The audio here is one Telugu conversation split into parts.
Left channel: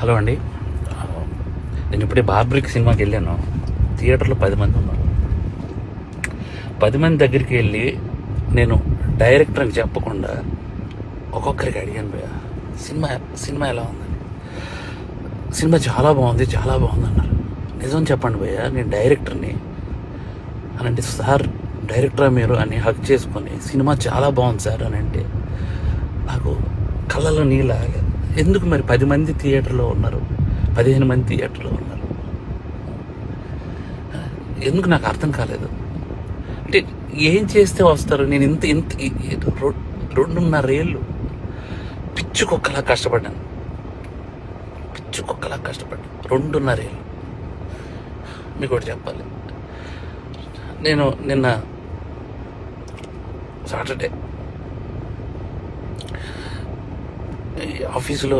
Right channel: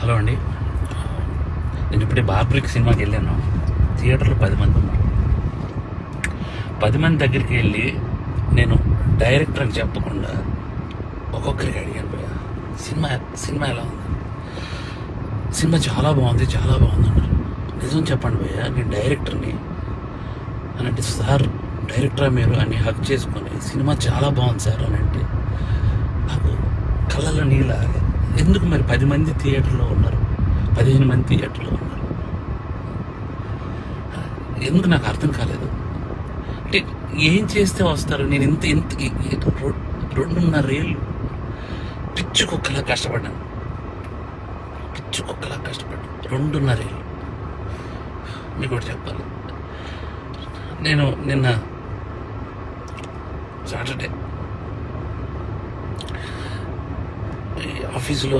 హలో అండి, నేను ఇప్పుడే బార్బ్రిక్ సినిమాకి వెళ్ళాను. థియేటర్లో 10 మంది ఉన్నారు. 10 మంది దగ్గరికి వెళ్ళి నేను డైరెక్టర్ అని చెప్పకుండా ఒక్కొక్కరికి అడిగాను, భయ్య సినిమా ఎలా ఉందని. సినిమా చాలా బాగుంది అన్నారు. నిజం చెప్పండి భయ్య, నేను డైరెక్టర్ని అని అంటే, సార్ డైరెక్టరా మీరు అని హక్ చేసుకొని సినిమా చాలా బాగుంది సార్ అని అంటే నాకు కళ్ళలో నీళ్ళు ఆగలేదు. ఎందుకు మరి 10 మంది థియేటర్లో ఉన్నారు, 15 మంది థియేటర్లో ఉన్నారు, ఎందుకు నాకు అర్థం కాలేదు. అంటే ఏం చేస్తే వస్తారు? నేను ఇంత 2.5 ఏళ్ళు పిచ్చుకొక్కలా కష్టపడ్డాను. 2.5 ఏళ్ళు. మీకు ఒకటి చెప్పాలి, నేను నిన్న సాటర్డే ఆఫీసులో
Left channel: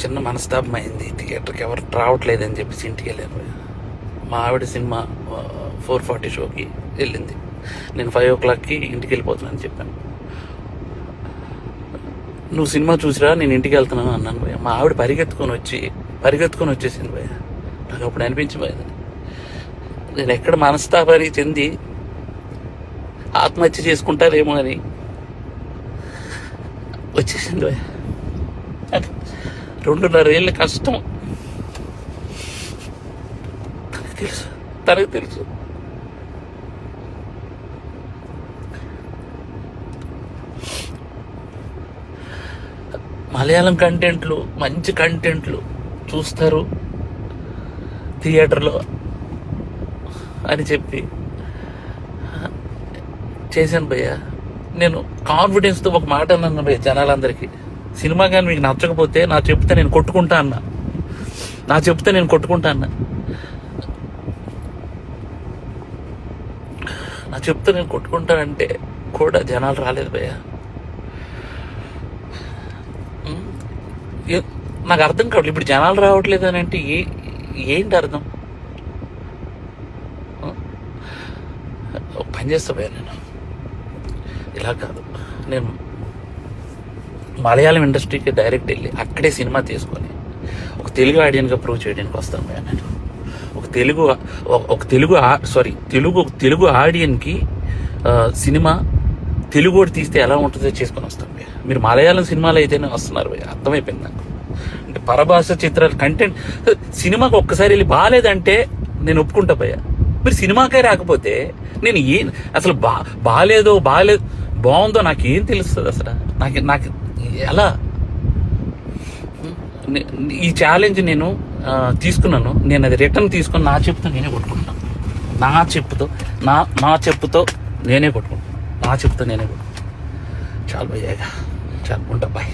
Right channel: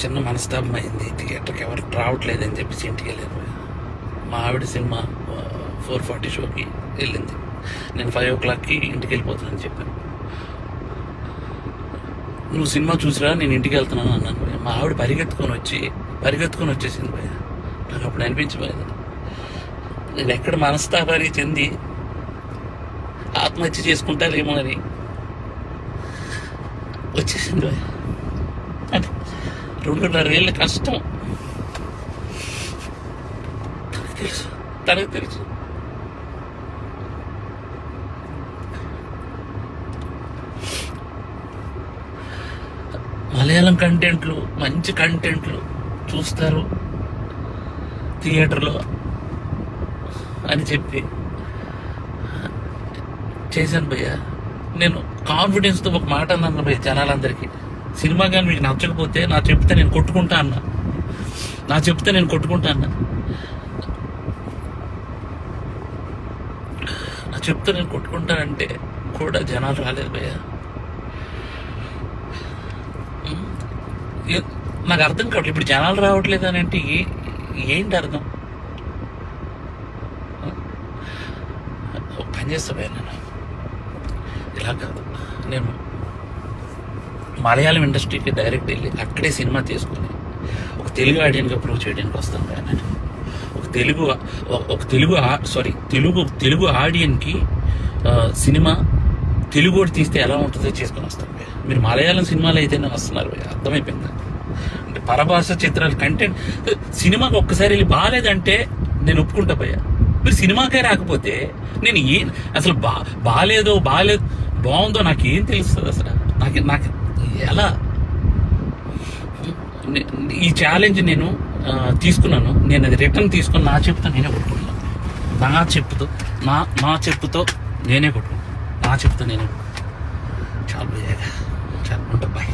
చిన్న మనస్తాపం అయింది. థియేటర్కి ఎవరు రావట్లేదని చెప్పేసి ఇంటికి వెళ్ళాను. మా ఆవిడ సినిమా 4:40 షోకి వెళ్ళింది. నేను 5 o'clockకి ఇంటికి వెళ్ళిపోతున్నాను చెప్పాను. నువ్వు సినిమా చూసిరా, నేను ఇంటికి వెళ్తున్నాను అన్నాను భయ్య. మా ఆవిడ పరిగెత్తుకొని వచ్చేసింది భయ్య. నాకు అప్పుడు అనిపించిపోయింది, నేను ఎక్కడ మనస్తాపానికి చెంది ఆత్మహత్య చేసుకుంటారేమో అని వచ్చేసింది భయ్య. అంటే 2.5 ఏళ్ళ కష్టం తనకు తెలుసు. మలయాళం కంటెంట్లు, మంచి కంటెంట్లు చూస్తారు థియేటర్లో అని చెప్పి చేశాను భయ్య. నేను కాన్ఫిడెన్స్తో ఒక మాట అన్నాను భయ్య జనాలందరికీ, సినిమా కానీ మీకు నచ్చకపోతే నా చెప్తే నేను కొట్టుకుంటా అన్నా. నేను కొట్టుకుంటానంటే కూడా జనాలు రాలేదు భయ్య. నాకు అర్థం కావట్లేదు, ఇప్పుడు జనాలు రావట్లేదు అని అంటే ఏంటి అర్థం? ఒక పని చేస్తా భయ్య, నేను ఇలా కాదు, నేను మలయాళం ఇండస్ట్రీకి డైరెక్ట్ వెళ్ళి అక్కడే సినిమా తీసుకొని ఒక తెలుగు ఆడియన్గా ప్రూవ్ చేయడానికి వస్తాను భయ్య. నేను ఒక తెలుగు ఆడియన్కి సినిమా తెలుగు వాడు తీస్తే ఎలా ఉంటుందో చేసుకొని వస్తాను భయ్య. మీరు మలయాళం సినిమాలు అయితేనే వస్తున్నారు భయ్య, అర్థమైపోయింది నాకు. అంటే పరభాష చిత్రాలు కంటెంట్ సినిమాకి ఒక్కసారి వెళ్ళి బాగాలేదంటే నేను ఒప్పుకుంటా భయ్య. మీరు సినిమాకే రాకపోతే నేను అసలు బాగాలేదు బాగుందో నాకేం తెలుస్తుంది అసలు? నాకు ఎలా? ఈ ఛాలెంజ్ నేను తీసుకున్నాను, నేను అది రిటర్న్ తీసుకొని నా చెప్పుతో నేనే కొట్టుకుంటాను. నా చెప్పుతో నేనే కొట్టుకుంటాను. చాలు భయ్య, చాలు ఉంటా బాయ్.